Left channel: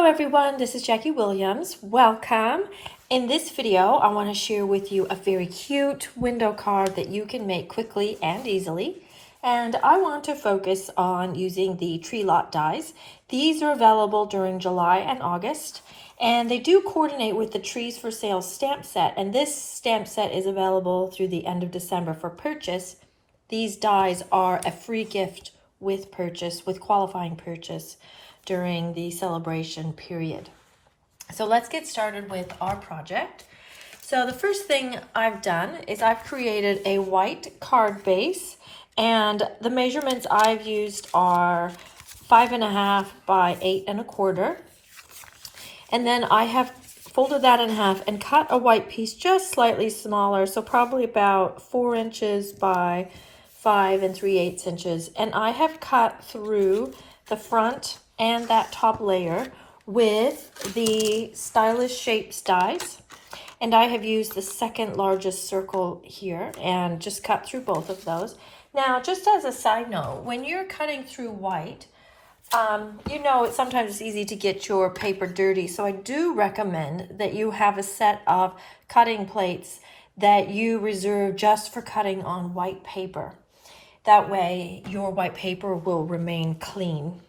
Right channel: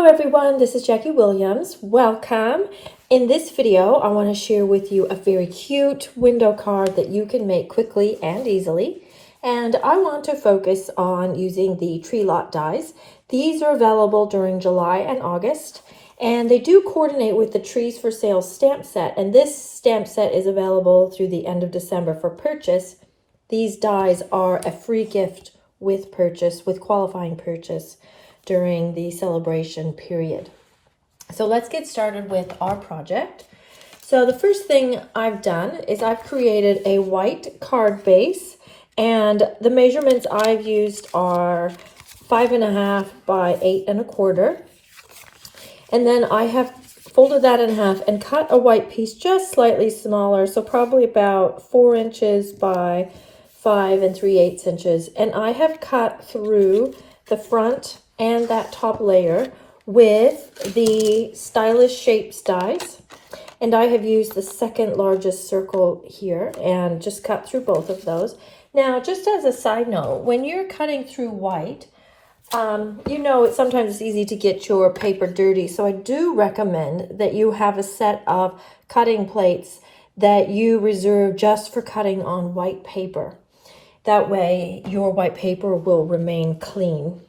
Hello everyone, this is Jackie Williams. Welcome. In this video, I want to share with you a very cute window card that you can make quickly and easily. And I want to focus on using the tree lot dies. These are available during July and August, and they do coordinate with the Trees for Sale stamp set. And this stamp set is available through the end of December for purchase. These dies are a free gift with purchase, with qualifying purchase during the celebration period. So let's get started with our project. So the first thing I've done is I've created a white card base, and the measurements I've used are 5.5 by 8.25. And then I have folded that in half and cut a white piece just slightly smaller, so probably about 4 inches by 5 3/8 inches. And I have cut through the front and that top layer with the Stylish Shapes dies. And I have used the second largest circle here and just cut through both of those. Now, just as a side note, when you're cutting through white, you know, sometimes it's easy to get your paper dirty. So I do recommend that you have a set of cutting plates that you reserve just for cutting on white paper. That way your white paper will remain clean.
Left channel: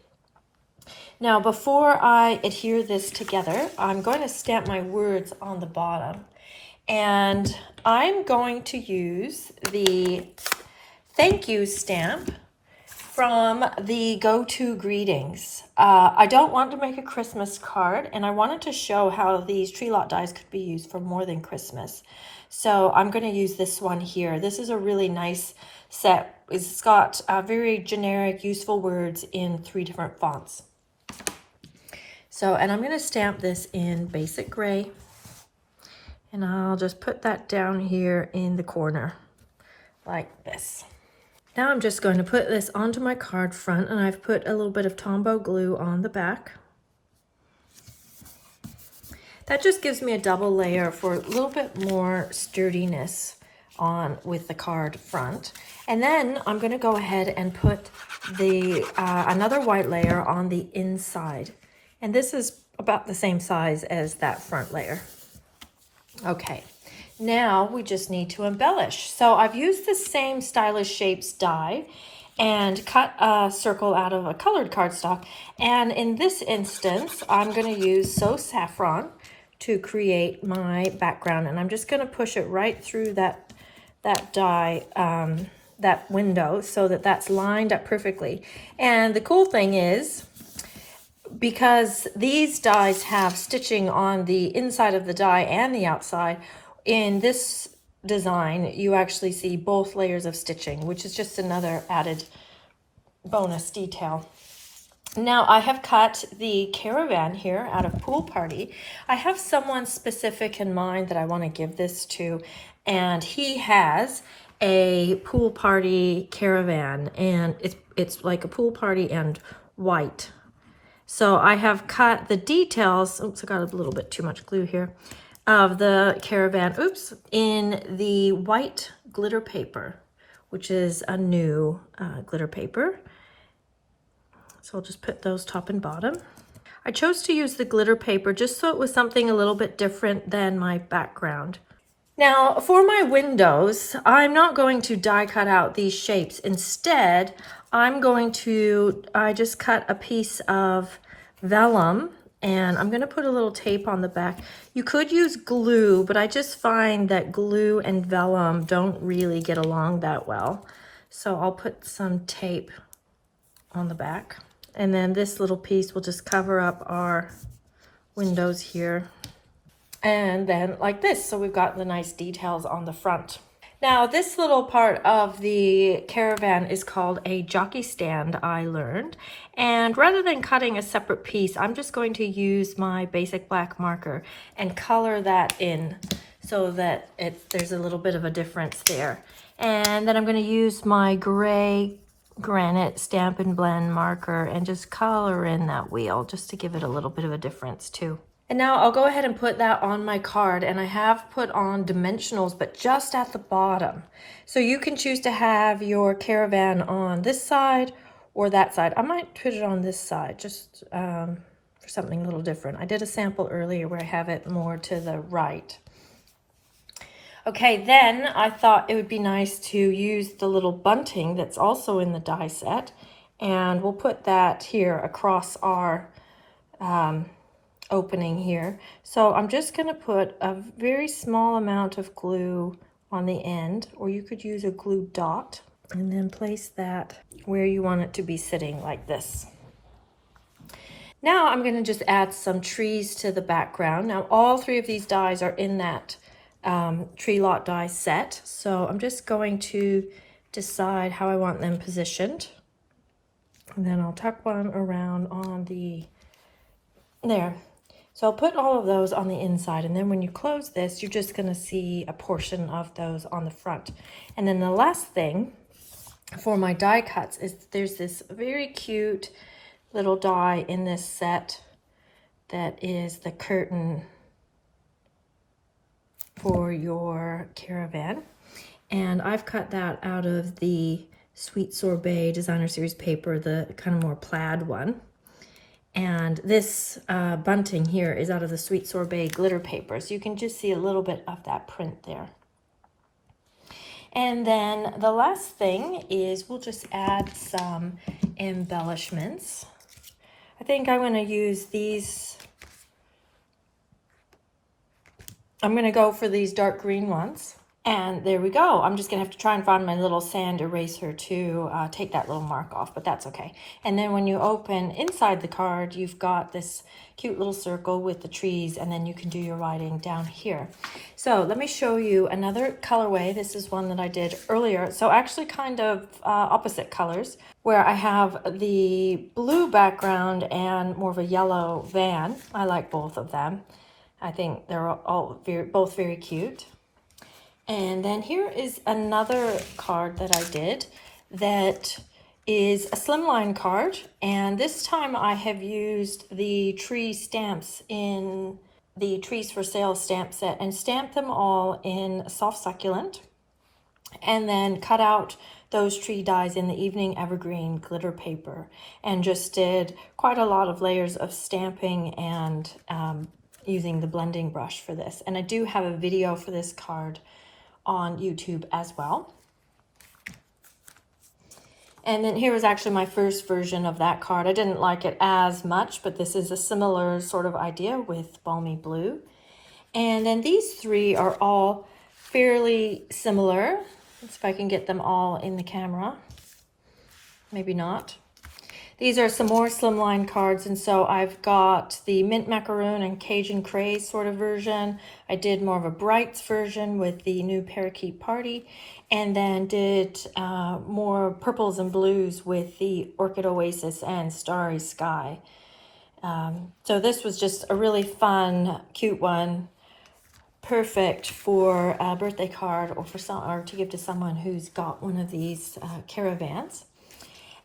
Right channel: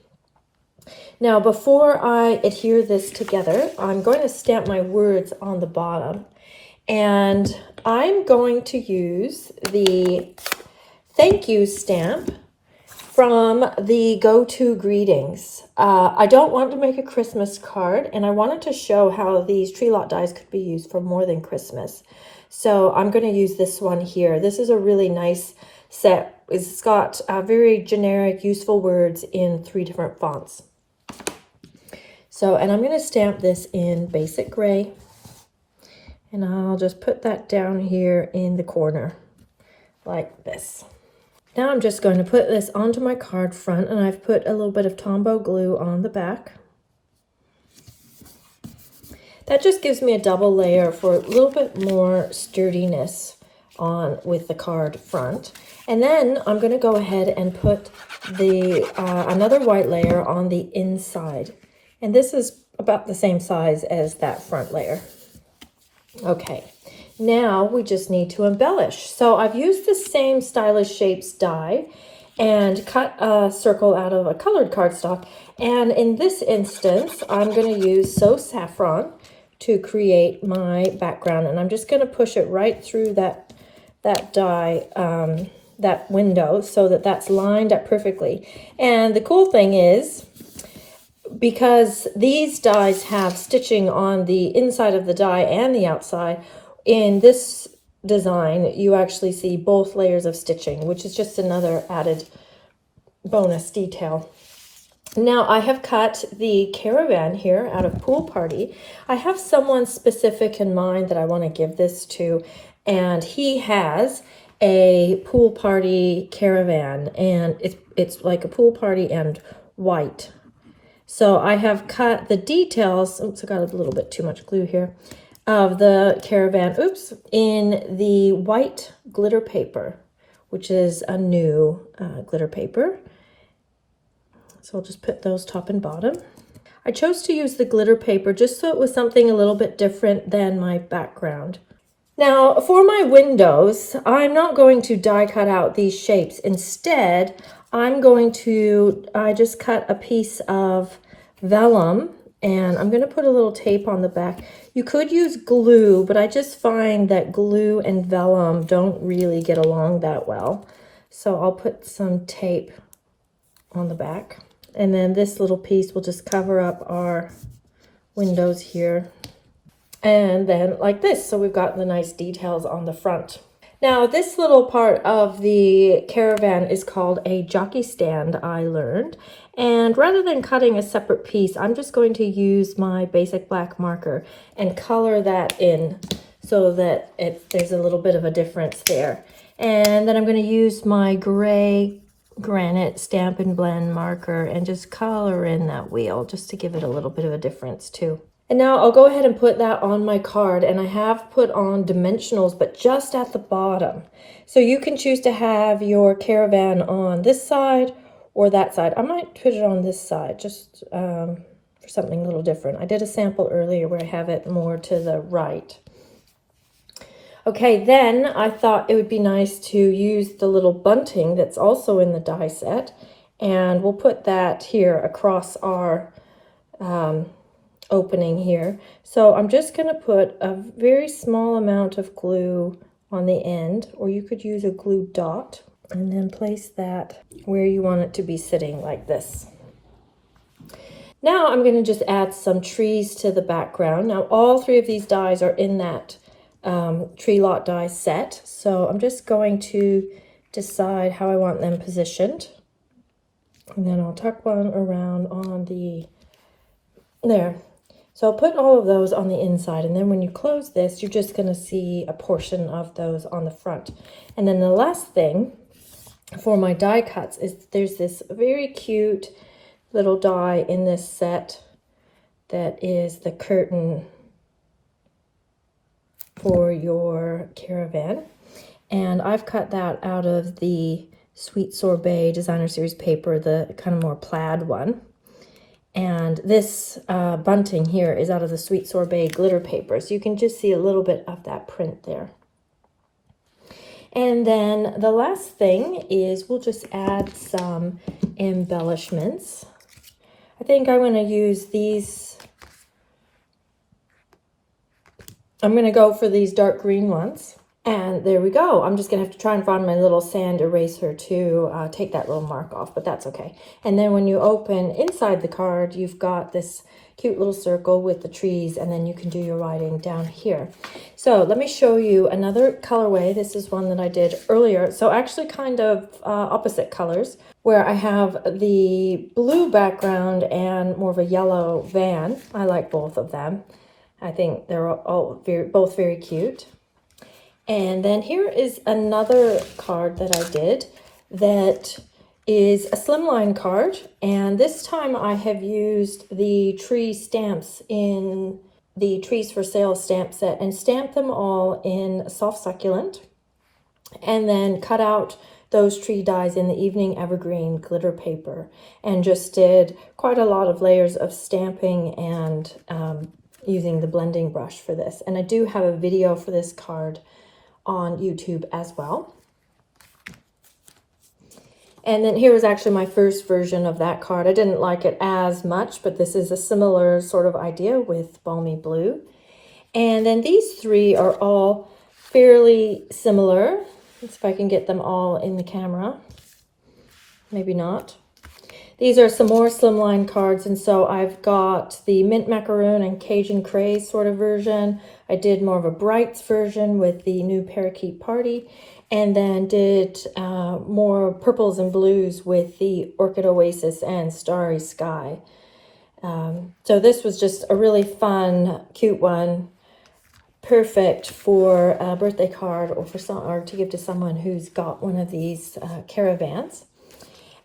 Now, before I adhere this together, I'm going to stamp my words on the bottom. And I'm going to use the thank you stamp from the Go-To Greetings. I don't want to make a Christmas card, and I wanted to show how these tree lot dies could be used for more than Christmas. So I'm going to use this one here. This is a really nice set. It's got very generic, useful words in 3 different fonts. So, and I'm going to stamp this in basic gray, and I'll just put that down here in the corner like this. Now I'm just going to put this onto my card front, and I've put a little bit of Tombow glue on the back. That just gives me a double layer for a little bit more sturdiness on with the card front. And then I'm going to go ahead and put the another white layer on the inside. And this is about the same size as that front layer. Okay, now we just need to embellish. So I've used the same Stylish Shapes die and cut a circle out of a colored cardstock. And in this instance, I'm going to use So Saffron to create my background. And I'm just going to push it right through that die, that window, so that that's lined up perfectly. And the cool thing is, because these dies have stitching on the inside of the die and the outside, in this design you actually see both layers of stitching, which is just another added bonus detail. Now I have cut the caravan here out of Pool Party. I have someone specific in mind that I want to give this to, and he has a pool party caravan, and it's like a pool party and white. So I have cut the details, oops, I got a little bit too much glue here, of the caravan, oops, in the white glitter paper, which is a new glitter paper. So I'll just put those top and bottom. I chose to use the glitter paper just so it was something a little bit different than my background. Now for my windows, I'm not going to die cut out these shapes. Instead, I just cut a piece of vellum, and I'm going to put a little tape on the back. You could use glue, but I just find that glue and vellum don't really get along that well. So I'll put some tape on the back. And then this little piece will just cover up our windows here. And then like this, so we've got the nice details on the front. Now this little part of the caravan is called a jockey stand, I learned. And rather than cutting a separate piece, I'm just going to use my basic black marker and color that in so that there's a little bit of a difference there. And then I'm going to use my gray granite Stampin' Blend marker and just color in that wheel just to give it a little bit of a difference too. And now I'll go ahead and put that on my card, and I have put on dimensionals, but just at the bottom. So you can choose to have your caravan on this side or that side. I might put it on this side, just for something a little different. I did a sample earlier where I have it more to the right. Okay, then I thought it would be nice to use the little bunting that's also in the die set, and we'll put that here across our opening here. So I'm just going to put a very small amount of glue on the end, or you could use a glue dot, and then place that where you want it to be sitting, like this. Now I'm going to just add some trees to the background. Now all three of these dies are in that tree lot die set, so I'm just going to decide how I want them positioned, and then I'll tuck one around on the there. So I'll put all of those on the inside, and then when you close this, you're just going to see a portion of those on the front. And then the last thing for my die cuts is there's this very cute little die in this set that is the curtain for your caravan, and I've cut that out of the Sweet Sorbet Designer Series paper, the kind of more plaid one. And this bunting here is out of the Sweet Sorbet glitter paper, so you can just see a little bit of that print there. And then the last thing is we'll just add some embellishments. I think I'm going to use these. I'm going to go for these dark green ones. And there we go. I'm just going to have to try and find my little sand eraser to take that little mark off, but that's okay. And then when you open inside the card, you've got this cute little circle with the trees, and then you can do your writing down here. So let me show you another colorway. This is one that I did earlier. So actually kind of opposite colors, where I have the blue background and more of a yellow van. I like both of them. I think they're both very cute. And then here is another card that I did that is a Slimline card. And this time I have used the tree stamps in the Trees for Sale stamp set and stamped them all in soft succulent, and then cut out those tree dies in the Evening Evergreen glitter paper, and just did quite a lot of layers of stamping and using the blending brush for this. And I do have a video for this card on YouTube as well. And then here was actually my first version of that card. I didn't like it as much, but this is a similar sort of idea with Balmy Blue. And then these three are all fairly similar. Let's see if I can get them all in the camera. Maybe not. These are some more Slimline cards, and so I've got the Mint Macaroon and Cajun Craze sort of version. I did more of a Brights version with the new Parakeet Party, and then did more purples and blues with the Orchid Oasis and Starry Sky. So this was just a really fun, cute one, perfect for a birthday card or to give to someone who's got one of these caravans.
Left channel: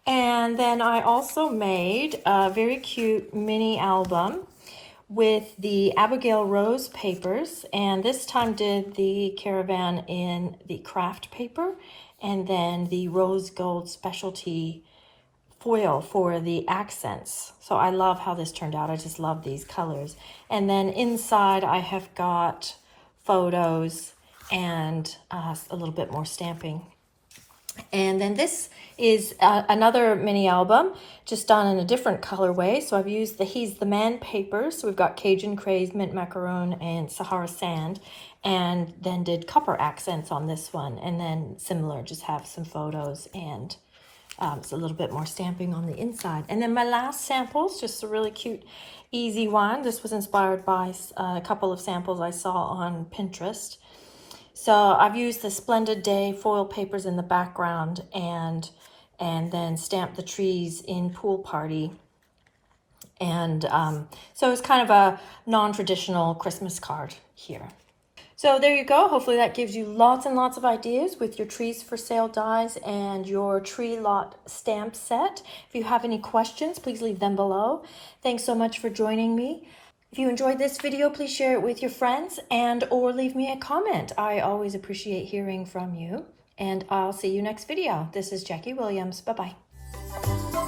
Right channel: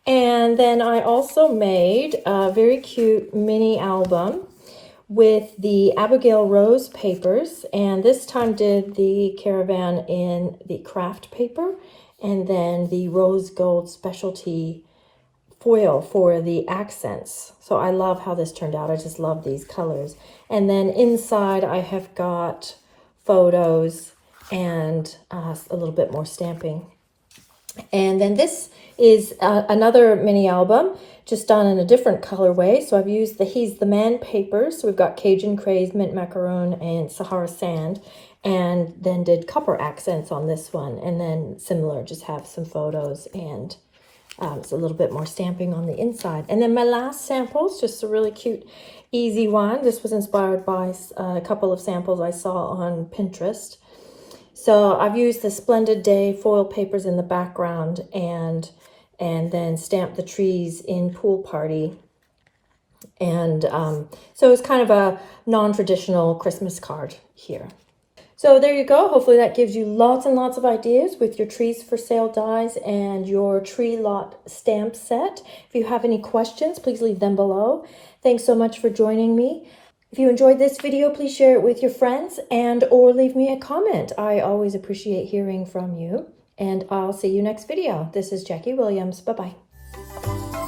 And then I also made a very cute mini album with the Abigail Rose papers, and this time did the caravan in the craft paper, and then the rose gold specialty foil for the accents. So I love how this turned out. I just love these colors. And then inside I have got photos and a little bit more stamping. And then this is another mini album, just done in a different colorway. So I've used the He's the Man papers. So we've got Cajun Craze, Mint Macaroon, and Sahara Sand, and then did copper accents on this one. And then similar, just have some photos and it's a little bit more stamping on the inside. And then my last samples, just a really cute, easy one. This was inspired by a couple of samples I saw on Pinterest. So I've used the Splendid Day foil papers in the background and then stamped the trees in Pool Party. And so it's kind of a non-traditional Christmas card here. So there you go. Hopefully that gives you lots and lots of ideas with your Trees for Sale dies and your tree lot stamp set. If you have any questions, please leave them below. Thanks so much for joining me. If you enjoyed this video, please share it with your friends or leave me a comment. I always appreciate hearing from you, and I'll see you next video. This is Jackie Williams. Bye-bye.